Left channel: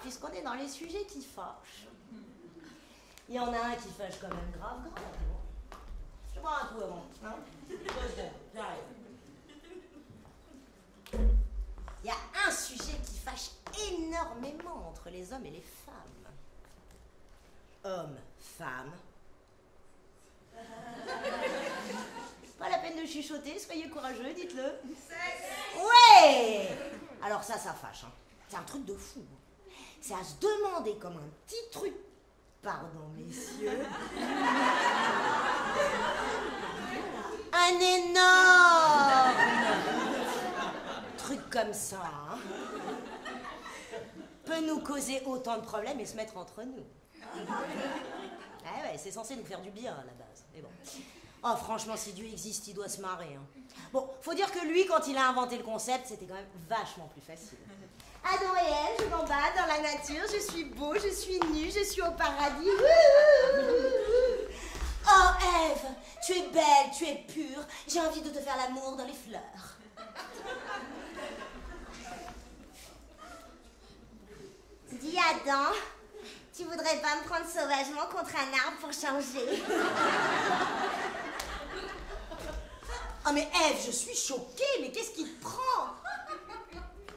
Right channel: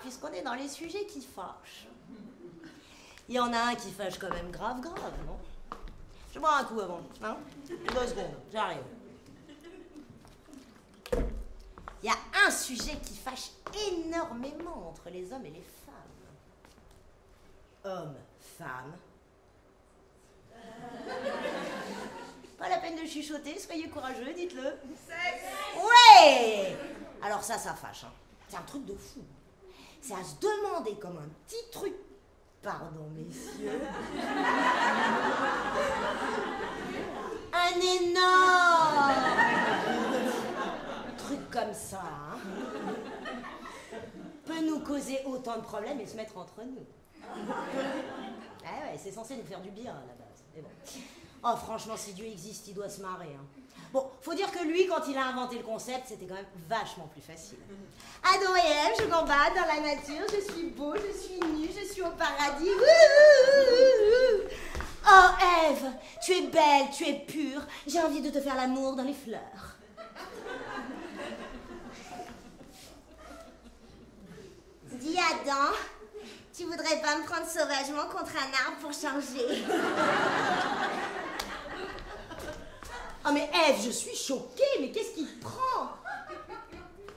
puisqu'on est dans les sujets qui fâchent. Il y en a un qui fâche quand même grave, non? Je bois un coup avant, hein? 2 secondes, j'arrive. Il y a un sujet qui fâche énormément entre les hommes et les femmes. Hommes, femmes. Pas la peine de chuchoter, soyez courageux, dites-le. Ouais! Alors ça fâche, hein. C'est un truc de fou. C'est à se demander comme un petit truc. Pardon, messieurs. Un énorme truc comme ça, hein, peut nous causer autant de problèmes et se mettre entre nous. Eh ouais, c'est censé nous faire du bien à la base. Mais bon. Oh, franchement, si Dieu existe, il doit se marrer, hein. Bon, faut dire que lui, quand il a inventé le concept, c'était quand même vachement plus facile. Adam et Ève, je m'en bats dans la nature, je suis beau, je suis nu, je suis au paradis. Oh, Ève, tu es belle, tu es pure, j'ai envie de te faire l'amour dans les fleurs. Dis Adam, tu voudrais pas me prendre sauvagement contre un arbre pour changer? Oh mais Ève, je suis choquée, mais qu'est-ce qui te prend?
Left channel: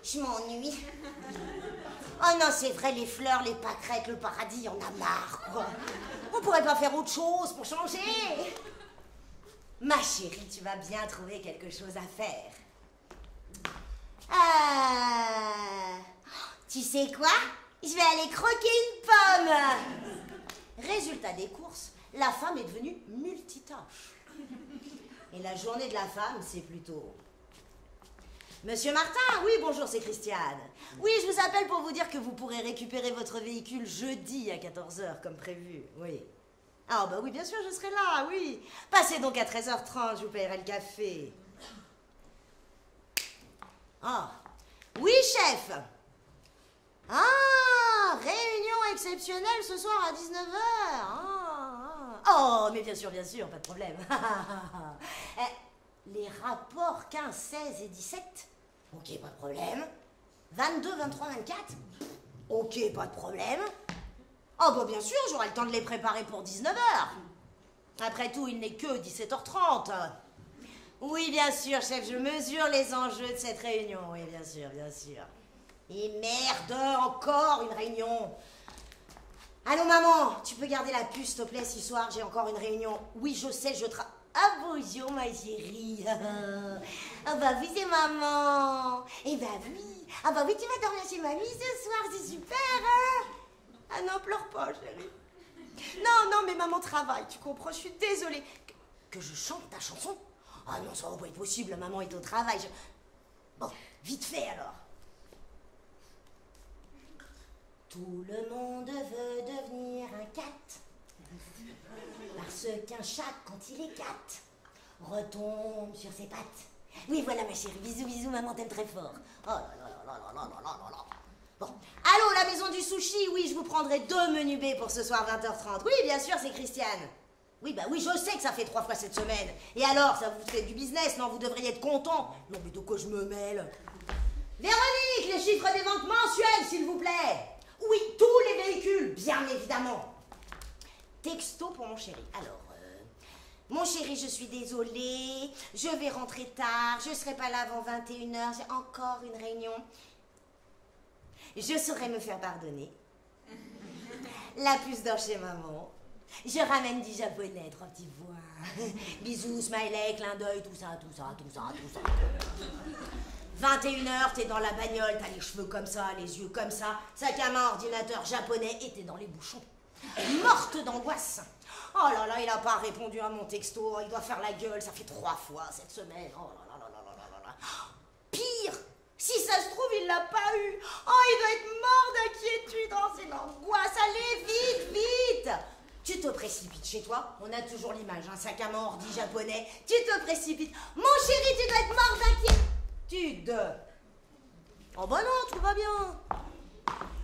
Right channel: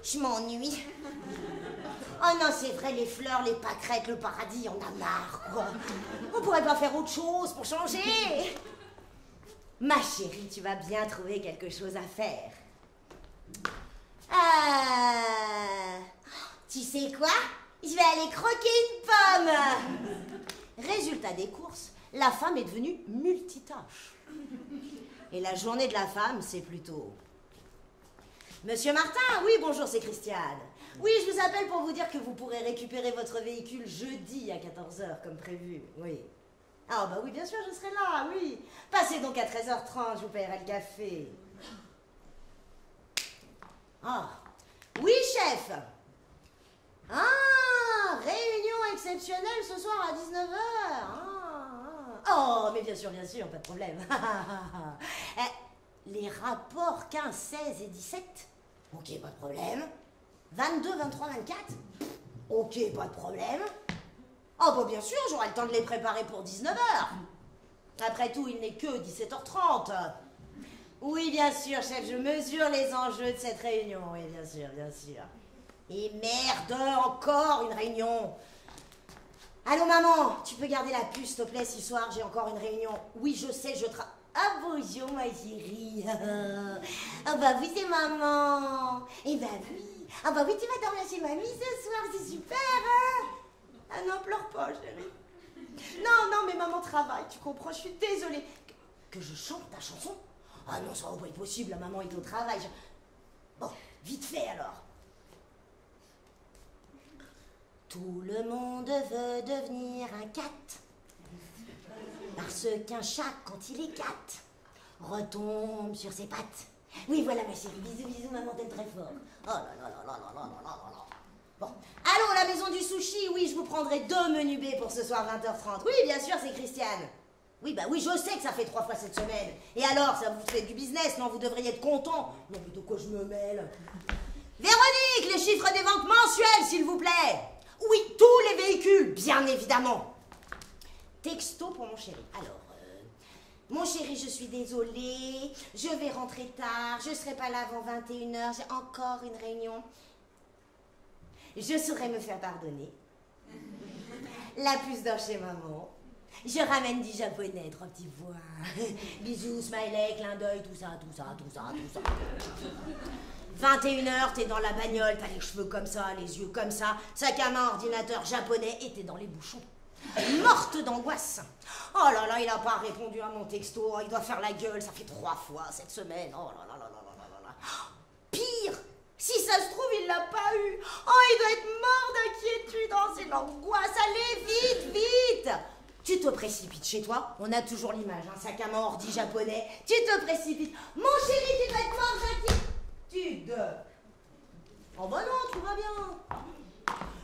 Je m'ennuie. Oh non, c'est vrai, les fleurs, les pâquerettes, le paradis, on a marre, quoi. On pourrait pas faire autre chose pour changer? Ma chérie, tu vas bien trouver quelque chose à faire. Tu sais quoi? Je vais aller croquer une pomme. Résultat des courses, la femme est devenue multitâche. Et la journée de la femme, c'est plutôt... Monsieur Martin, oui, bonjour, c'est Christiane. Oui, je vous appelle pour vous dire que vous pourrez récupérer votre véhicule jeudi à 14 h, comme prévu, oui. Ah, bah oui, bien sûr, je serai là, oui. Passez donc à 13 h 30, je vous paierai le café. Ah, oui, chef. Ah, réunion exceptionnelle ce soir à 19 h. Oh, mais bien sûr, pas de problème. Les rapports 15, 16 et 17. Ok, pas de problème. 22, 23, 24. Ok, pas de problème. Oh, bah bien sûr, j'aurai le temps de les préparer pour 19 h. Après tout, il n'est que 17 h 30. Oui, bien sûr, chef, je mesure les enjeux de cette réunion. Oui, bien sûr. Et merde, encore une réunion. Allô, maman, tu peux garder la puce, s'il te plaît, ce soir, j'ai encore une réunion. Oui, je sais, Ah, bonjour, ma chérie. Ah bah oui, c'est maman. Eh bah oui. Ah bah oui, tu vas dormir chez mamie ce soir, c'est super, hein? Ah non, pleure pas, chérie. Non, mais maman travaille, tu comprends, je suis désolée. Que je chante ta chanson? Ah non, ça va pas être possible, la maman est au travail. Bon, vite fait alors. Tout le monde veut devenir un cat. Parce qu'un chat, quand il est cat, retombe sur ses pattes. Oui, voilà ma chérie, bisous, maman t'aime très fort. Oh là là. Bon, allô, la maison du sushi, oui, je vous prendrai 2 menus B pour ce soir 20 h 30. Oui, bien sûr, c'est Christiane. Oui, bah oui, je sais que ça fait 3 fois cette semaine. Et alors, ça vous fait du business, non? Vous devriez être content. Non, mais de quoi je me mêle? Véronique, les chiffres des ventes mensuelles, s'il vous plaît. Oui, tous les véhicules, bien évidemment. Texto pour mon chéri. Alors, mon chéri, je suis désolée, je vais rentrer tard, je ne serai pas là avant 21 h, j'ai encore une réunion. Je saurais me faire pardonner. La puce d'or chez maman. Je ramène du japonais, 3 petites voix. Bisous, smiley, clin d'œil, tout ça. 21 h, t'es dans la bagnole, t'as les cheveux comme ça, les yeux comme ça, sac à main, ordinateur japonais, et t'es dans les bouchons. Morte d'angoisse. Oh là là, il n'a pas répondu à mon texto, il doit faire la gueule, ça fait 3 fois cette semaine. Oh là là. Pire, si ça se trouve, il l'a pas eu. Oh, il doit être mort d'inquiétude, oh, c'est l'angoisse. Allez, vite. Tu te précipites chez toi, on a toujours l'image, un sac à main ordi japonais, tu te précipites. Mon chéri, tu dois être mort d'inquiétude. Oh bah non, tout va bien.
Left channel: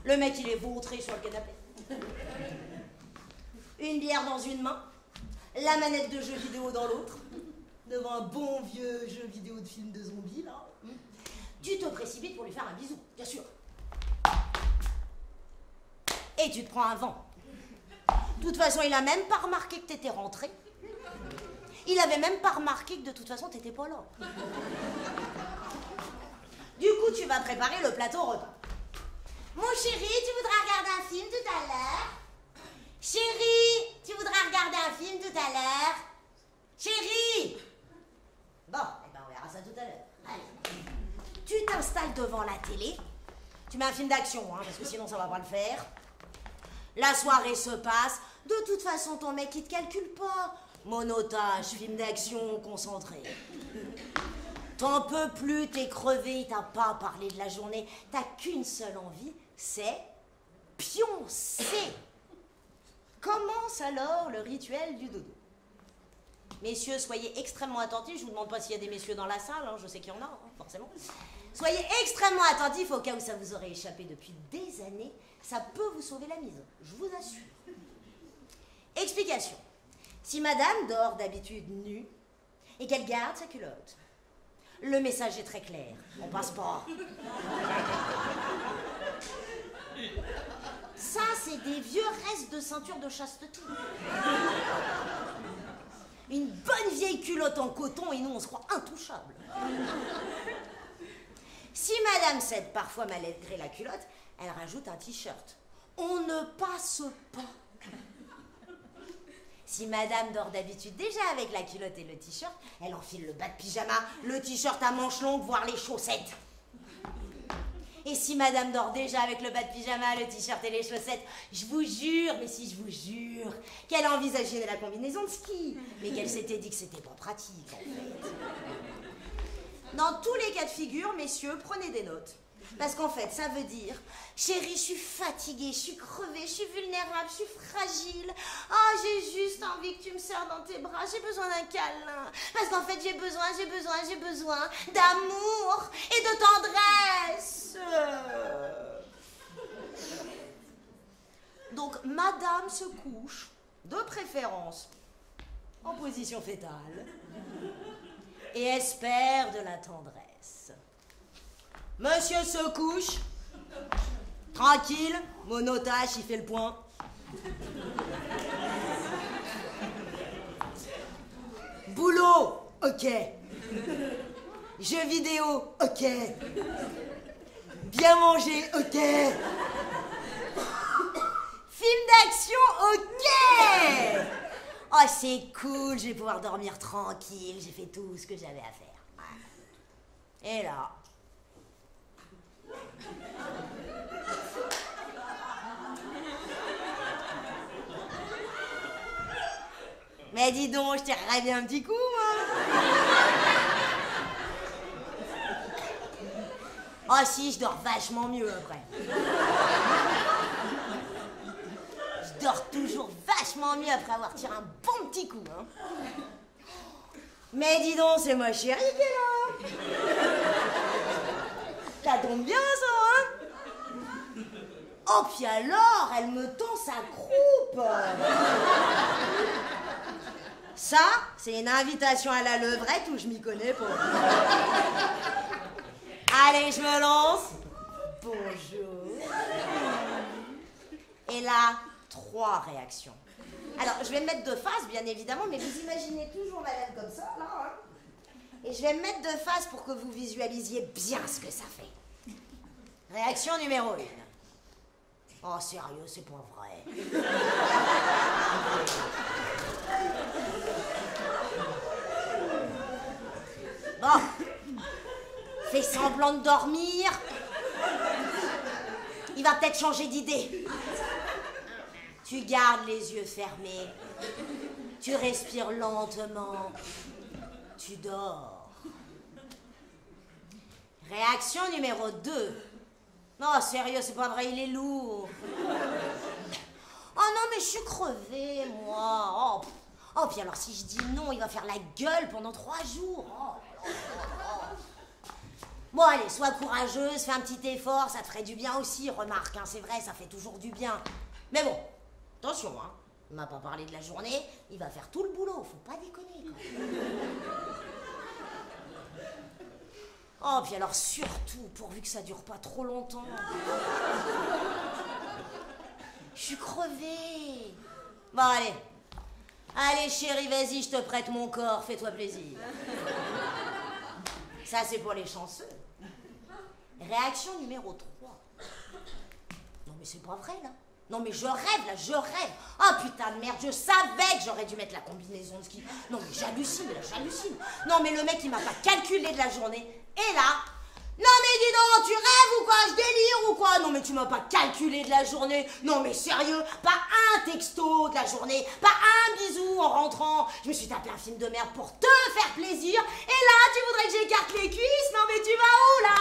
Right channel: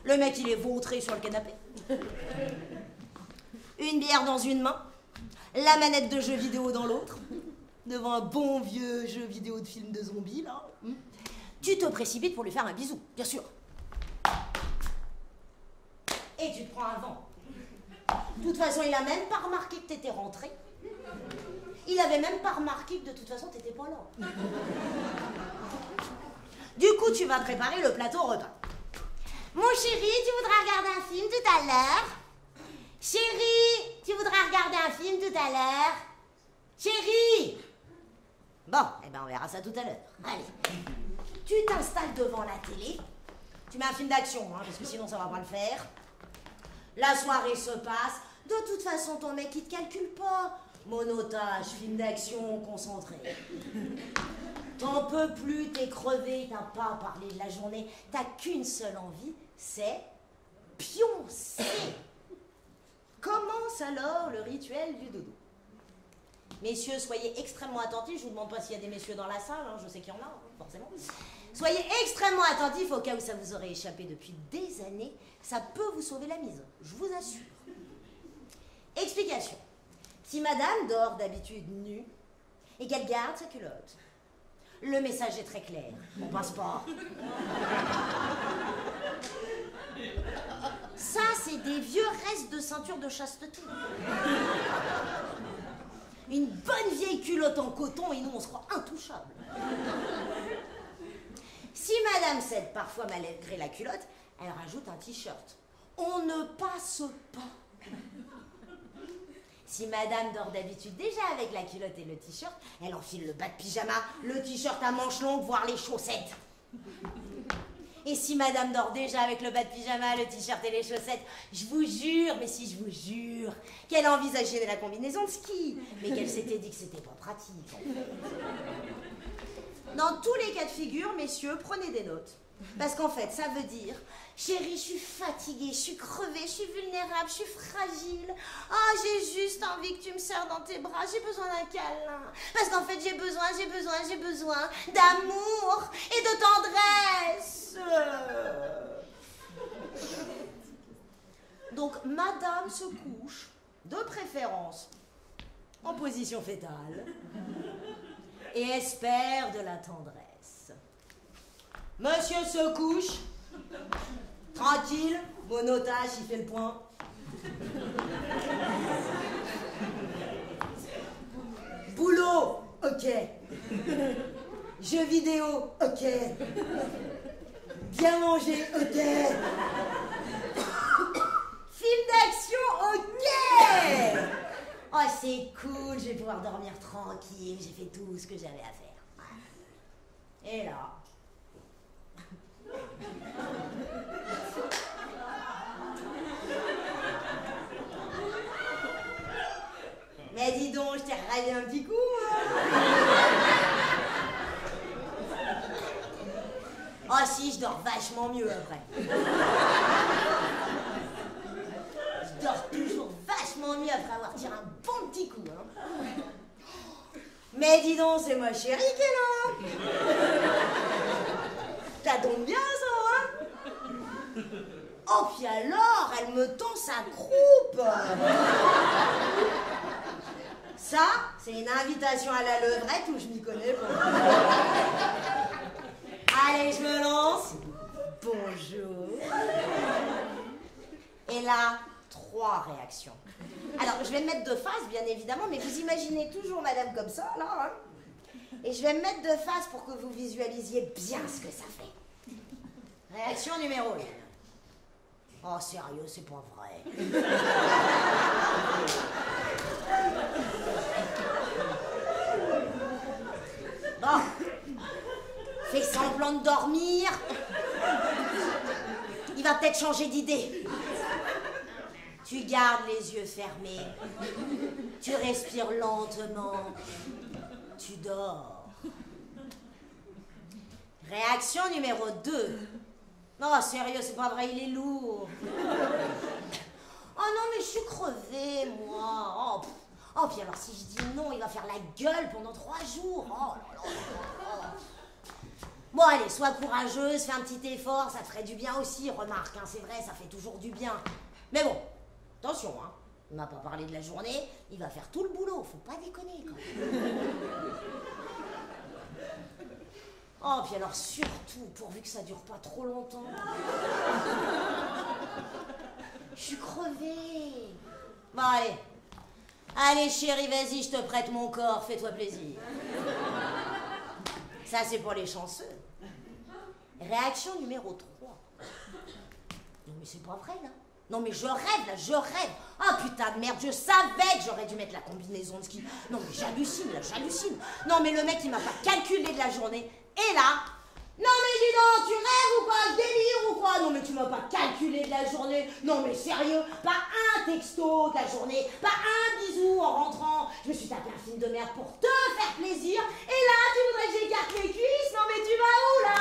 Le mec, il est vautré sur le canapé. Une bière dans une main, la manette de jeu vidéo dans l'autre, devant un bon vieux jeu vidéo de film de zombies, là. Tu te précipites pour lui faire un bisou, bien sûr. et tu te prends un vent. De toute façon, il a même pas remarqué que t'étais rentré. Il avait même pas remarqué que de toute façon, t'étais pas là. Du coup, tu vas préparer le plateau repas. Mon chéri, tu voudras regarder un film tout à l'heure? Chéri, tu voudras regarder un film tout à l'heure? Chéri! Bon, eh ben on verra ça tout à l'heure. Allez. Tu t'installes devant la télé. Tu mets un film d'action, hein, parce que sinon ça va pas le faire. La soirée se passe. De toute façon, ton mec, il te calcule pas. Monotage, film d'action, concentré. T'en peux plus, t'es crevé, il t'a pas parlé de la journée. T'as qu'une seule envie, c'est pioncer. Commence alors le rituel du doudou. Messieurs, soyez extrêmement attentifs. Je vous demande pas s'il y a des messieurs dans la salle, hein, je sais qu'il y en a, hein, forcément. Soyez extrêmement attentifs au cas où ça vous aurait échappé depuis des années. Ça peut vous sauver la mise, je vous assure. Explication. Si madame dort d'habitude nue et qu'elle garde sa culotte, le message est très clair. On passe pas. Ça, c'est des vieux restes de ceinture de chasteté. Une bonne vieille culotte en coton et nous, on se croit intouchables. Si madame cède parfois malgré la culotte, elle rajoute un t-shirt. On ne passe pas. Si madame dort d'habitude déjà avec la culotte et le t-shirt, elle enfile le bas de pyjama, le t-shirt à manches longues, voire les chaussettes. Et si madame dort déjà avec le bas de pyjama, le t-shirt et les chaussettes, je vous jure, mais si je vous jure, qu'elle envisageait la combinaison de ski, mais qu'elle s'était dit que c'était pas pratique, en fait. Dans tous les cas de figure, messieurs, prenez des notes. Parce qu'en fait, ça veut dire, chérie, je suis fatiguée, je suis crevée, je suis vulnérable, je suis fragile. Oh, j'ai juste envie que tu me serres dans tes bras, j'ai besoin d'un câlin. Parce qu'en fait, j'ai besoin d'amour et de tendresse. Donc, madame se couche, de préférence, en position fétale, et espère de la tendresse. Monsieur se couche, tranquille, monotage, il fait le point. Boulot, ok. Jeux vidéo, ok. Bien manger, ok. Film d'action, ok. Oh, c'est cool, je vais pouvoir dormir tranquille, j'ai fait tout ce que j'avais à faire. Et là... Mais dis donc, je t'ai rêvé un petit coup, moi. Oh si, je dors vachement mieux après. Je dors toujours vachement mieux après avoir tiré un bon petit coup, hein. Mais dis donc, c'est ma chérie qui est là. Ça tombe bien, ça, hein. Oh, puis alors, elle me tend sa croupe. Ça, c'est une invitation à la levrette où je m'y connais pas. Allez, je me lance. Bonjour. Et là, 3 réactions. Alors, je vais me mettre de face, bien évidemment, mais vous imaginez toujours madame comme ça, là, hein. Et je vais me mettre de face pour que vous visualisiez bien ce que ça fait. Réaction numéro 1. Oh, sérieux, c'est pas vrai. Bon. Fais semblant de dormir. Il va peut-être changer d'idée. Tu gardes les yeux fermés. Tu respires lentement. Tu dors. Réaction numéro 2. Non, sérieux, c'est pas vrai, il est lourd. Oh non, mais je suis crevée, moi. Oh, puis alors si je dis non, il va faire la gueule pendant 3 jours. Oh là là là là. Bon, allez, sois courageuse, fais un petit effort, ça te ferait du bien aussi, remarque, hein, c'est vrai, ça fait toujours du bien. Mais bon, attention, hein, il m'a pas parlé de la journée, il va faire tout le boulot, faut pas déconner, quoi. Oh, puis alors surtout, pourvu que ça dure pas trop longtemps, Bon, allez. Allez, chérie, vas-y, je te prête mon corps, fais-toi plaisir. Ça, c'est pour les chanceux. Réaction numéro 3. Non, mais c'est pas vrai, là. Non, mais je rêve, là, je rêve. Oh, putain de merde, je savais que j'aurais dû mettre la combinaison de ski. Non, mais j'hallucine, là, j'hallucine. Non, mais le mec, il m'a pas calculé de la journée. Et là... Non mais dis donc, tu rêves ou quoi? Je délire ou quoi? Non mais tu m'as pas calculé de la journée. Non mais sérieux, pas un texto de la journée, pas un bisou en rentrant. Je me suis tapé un film de merde pour te faire plaisir. Et là, tu voudrais que j'écarte les cuisses? Non mais tu vas où là?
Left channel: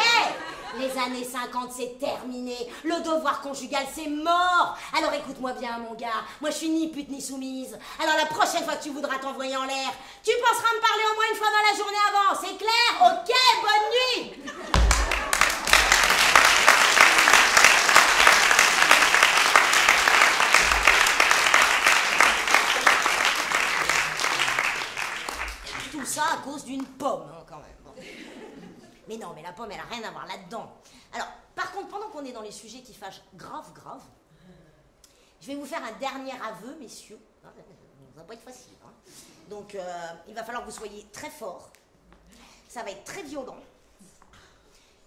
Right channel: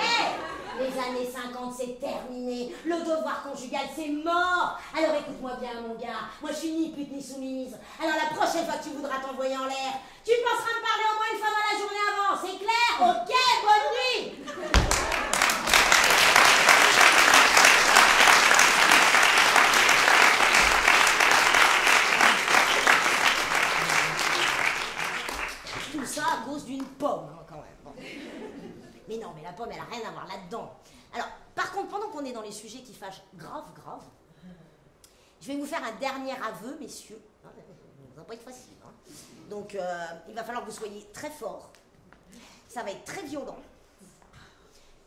Hé, les années 50 c'est terminé. Le devoir conjugal c'est mort. Alors écoute-moi bien mon gars, moi je suis ni pute ni soumise. Alors la prochaine fois que tu voudras t'envoyer en l'air, tu penseras me parler au moins une fois dans la journée avant, c'est clair? Ok, bonne nuit. Tout ça à cause d'une pomme, hein, quand même. Mais non, mais la pomme, elle a rien à voir là-dedans. Alors, par contre, pendant qu'on est dans les sujets qui fâchent grave, je vais vous faire un dernier aveu, messieurs. Ça va pas être facile. Hein. Donc, il va falloir que vous soyez très forts. Ça va être très violent.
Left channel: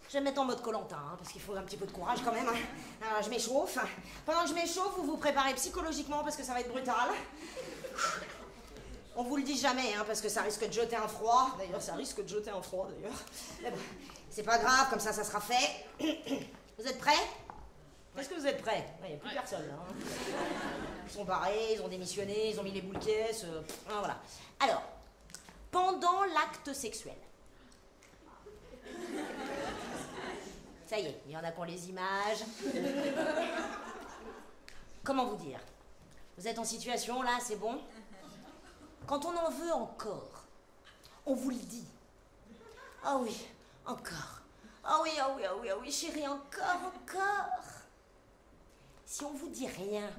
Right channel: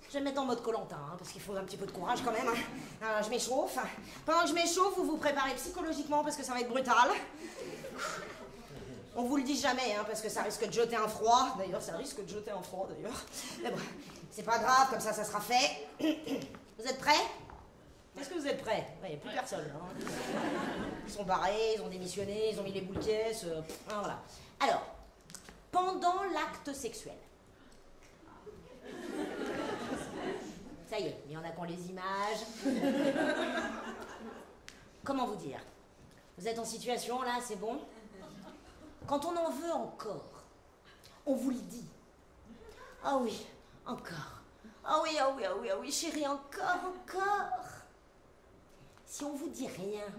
Je vais me mettre en mode Koh-Lanta, hein, parce qu'il faut un petit peu de courage quand même. Hein. Alors, je m'échauffe. Pendant que je m'échauffe, vous vous préparez psychologiquement parce que ça va être brutal. On vous le dit jamais, hein, parce que ça risque de jeter un froid. D'ailleurs, ça risque de jeter un froid, d'ailleurs. Mais bon, c'est pas grave, comme ça sera fait. Vous êtes prêts? Est-ce que vous êtes prêts? Il n'y a plus personne. Hein. Ils sont barrés, ils ont démissionné, ils ont mis les boules de caisse. Voilà. Alors, pendant l'acte sexuel. Ça y est, il y en a qui ont les images. Comment vous dire? Vous êtes en situation, là, c'est bon? Quand on en veut encore, on vous le dit. Oh oui, encore. Oh oui, oh oui, oh oui, oh oui, chérie, encore. Si on vous dit rien...